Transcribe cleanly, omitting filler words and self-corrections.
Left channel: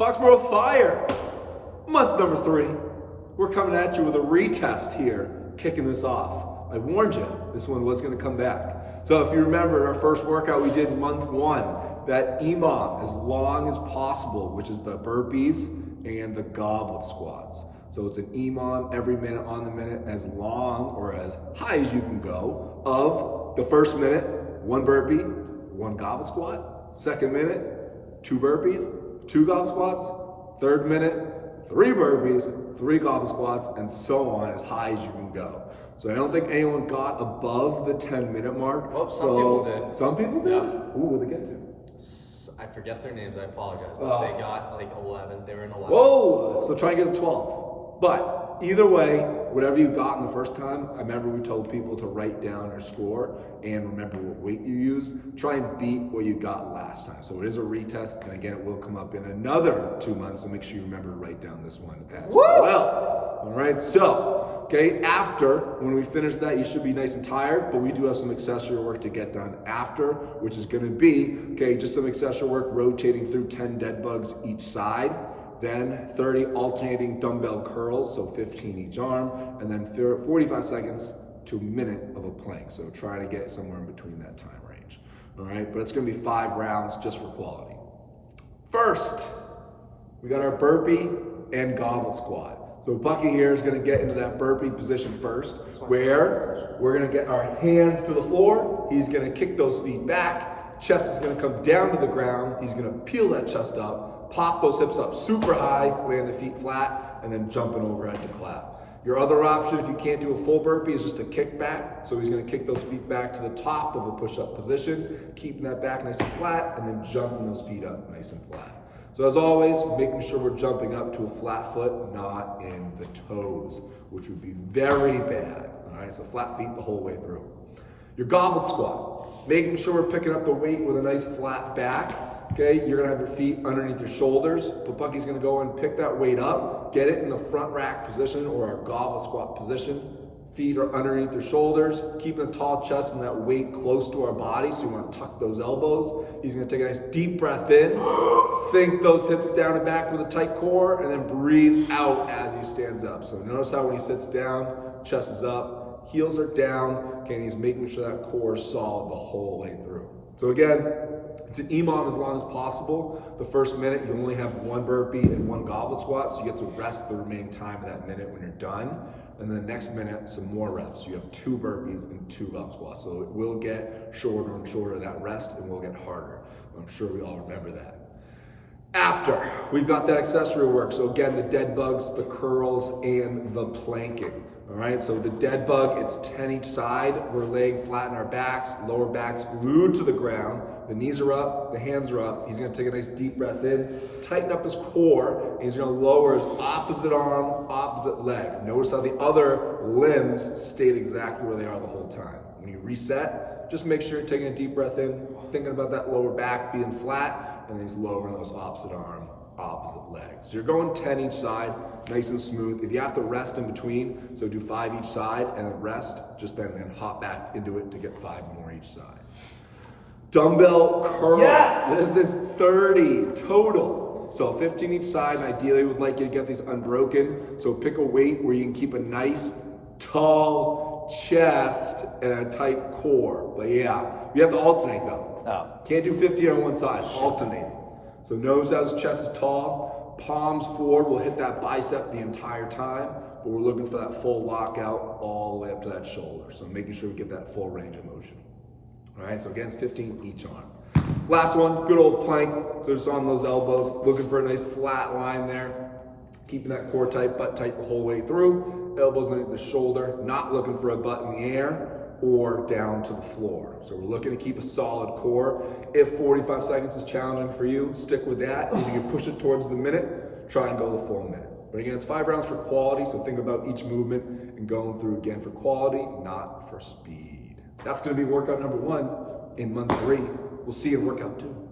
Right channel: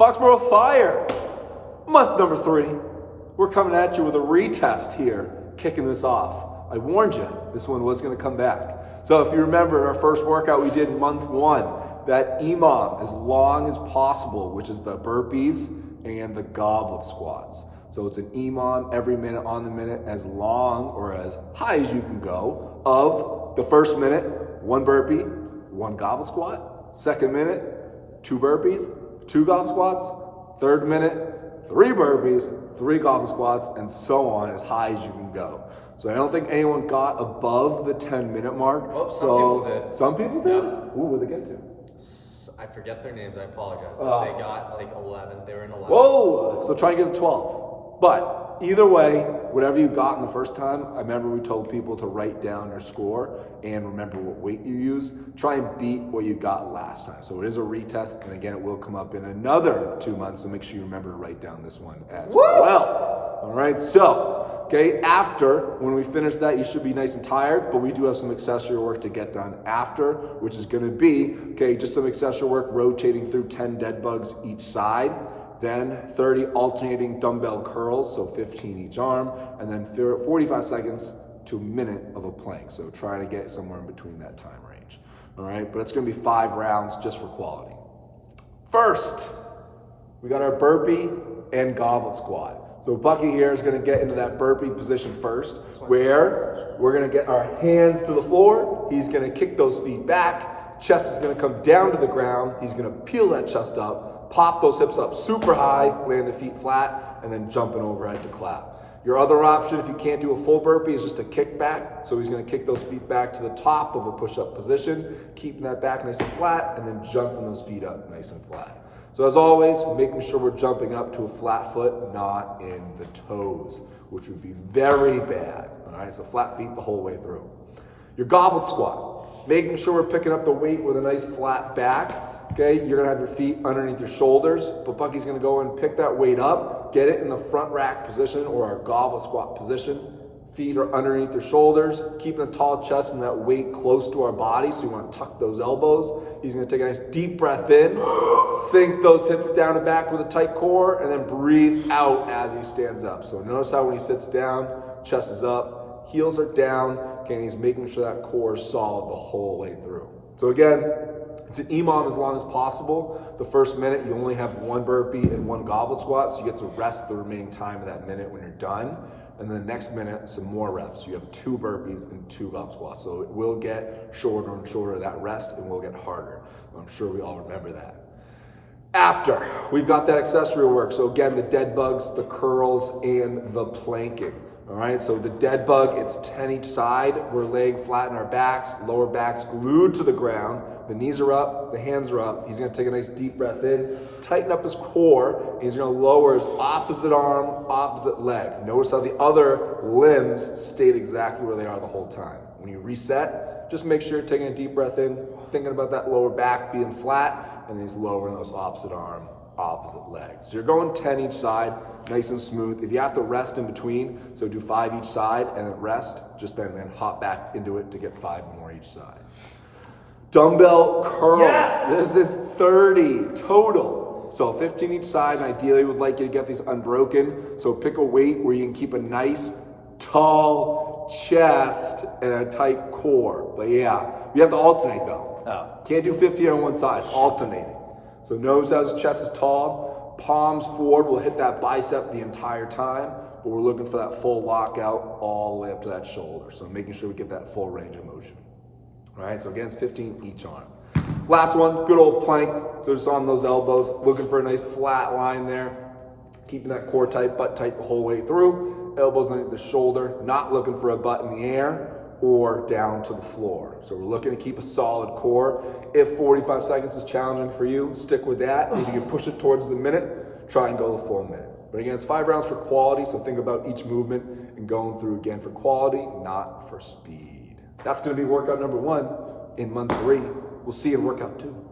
Foxborough Fire Month number 3. We're coming at you with a retest here, kicking this off. I warned you, this one was going to come back. So if you remember our first workout we did in month 1, that EMOM as long as possible, which is the burpees and the goblet squats. So it's an EMOM every minute on the minute, as long or as high as you can go, of the first minute, 1 burpee, 1 goblet squat, second minute, 2 burpees, 2 goblet squats, third minute, 3 burpees, 3 goblet squats, and so on, as high as you can go. So I don't think anyone got above the 10-minute mark. Well, some people did. Some people did? Yep. Ooh, what'd they get to? I forget their names, I apologize, but they got like 11. They were in 11. Whoa! So try and get to 12. But either way, whatever you got in the first time, I remember we told people to write down your score and remember what weight you used. Try and beat what you got last time. So it is a retest, and again, it will come up in another 2 months, so make sure you remember to write down this one as well. All right, so, okay, after, when we finish that, you should be nice and tired, but we do have some accessory work to get done after, which is gonna be, okay, just some accessory work, rotating through 10 dead bugs each side, then 30 alternating dumbbell curls, so 15 each arm, and then 45 seconds to a minute of a plank. So try to get somewhere in between that time range. All right, but it's gonna be 5 rounds just for quality. First, we got our burpee and goblet squat. So Bucky here is gonna get into that burpee position first, where we're gonna get our hands to the floor. He's gonna kick those feet back. Chest is gonna come down to the ground. He's gonna peel that chest up, pop those hips up super high, land the feet flat, and then jumping overhead to clap. Your other option, if you can't do a full burpee, is just a kick back. So he's gonna kick those feet back to the top of a push-up position, keeping that back nice and flat, and then jumping those feet up nice and flat. So as always, making sure we're jumping up to a flat foot, not in the toes, which would be very bad. All right, so flat feet the whole way through. Your goblet squat, making sure we're picking up the weight with a nice flat back. Okay, you're gonna have your feet underneath your shoulders, but Bucky's gonna go and pick that weight up, get it in the front rack position or our goblet squat position. Feet are underneath your shoulders, keeping a tall chest and that weight close to our body, so you wanna tuck those elbows. He's gonna take a nice deep breath in, sink those hips down and back with a tight core, and then breathe out as he stands up. So notice how when he sits down, chest is up, heels are down, okay, and he's making sure that core is solid the whole way through. So again, it's an EMOM as long as possible. The first minute, you only have 1 burpee and 1 goblet squat, so you have to rest the remaining time of that minute when you're done. And then the next minute, some more reps. You have 2 burpees and 2 goblet squats. So it will get shorter and shorter, that rest, and will get harder. I'm sure we all remember that. After, we've got that accessory work. So again, the dead bugs, the curls, and the planking. All right, so the dead bug, it's 10 each side. We're laying flat in our backs, lower backs glued to the ground. The knees are up, the hands are up. He's gonna take a nice deep breath in, tighten up his core. He's gonna lower his opposite arm, opposite leg. Notice how the other limbs stayed exactly where they are the whole time. When you reset, just make sure you're taking a deep breath in, thinking about that lower back being flat, and then he's lowering those opposite arm, opposite leg. So you're going 10 each side, nice and smooth. If you have to rest in between, so do 5 each side and then rest, just then hop back into it to get 5 more each side. Dumbbell curls. Yes! This is 30 total. So 15 each side, and ideally would like you to get these unbroken. So pick a weight where you can keep a nice, tall chest and a tight core. But yeah, you have to alternate though. Oh. Can't do 50 on one side, alternating. So notice how his chest is tall, palms forward, we'll hit that bicep the entire time, but we're looking for that full lockout all the way up to that shoulder. So making sure we get that full range of motion. All right, so again, it's 15 each arm. Last one, good old plank. So just on those elbows, looking for a nice flat line there. Keeping that core tight, butt tight the whole way through. Elbows underneath the shoulder, not looking for a butt in the air or down to the floor. So we're looking to keep a solid core. If 45 seconds is challenging for you, stick with that. If you can push it towards the minute, try and go the full minute. But again, it's 5 rounds for quality, so think about each movement and going through again for quality, not for speed. That's gonna be workout number 1 in month 3. We'll see you in workout 2.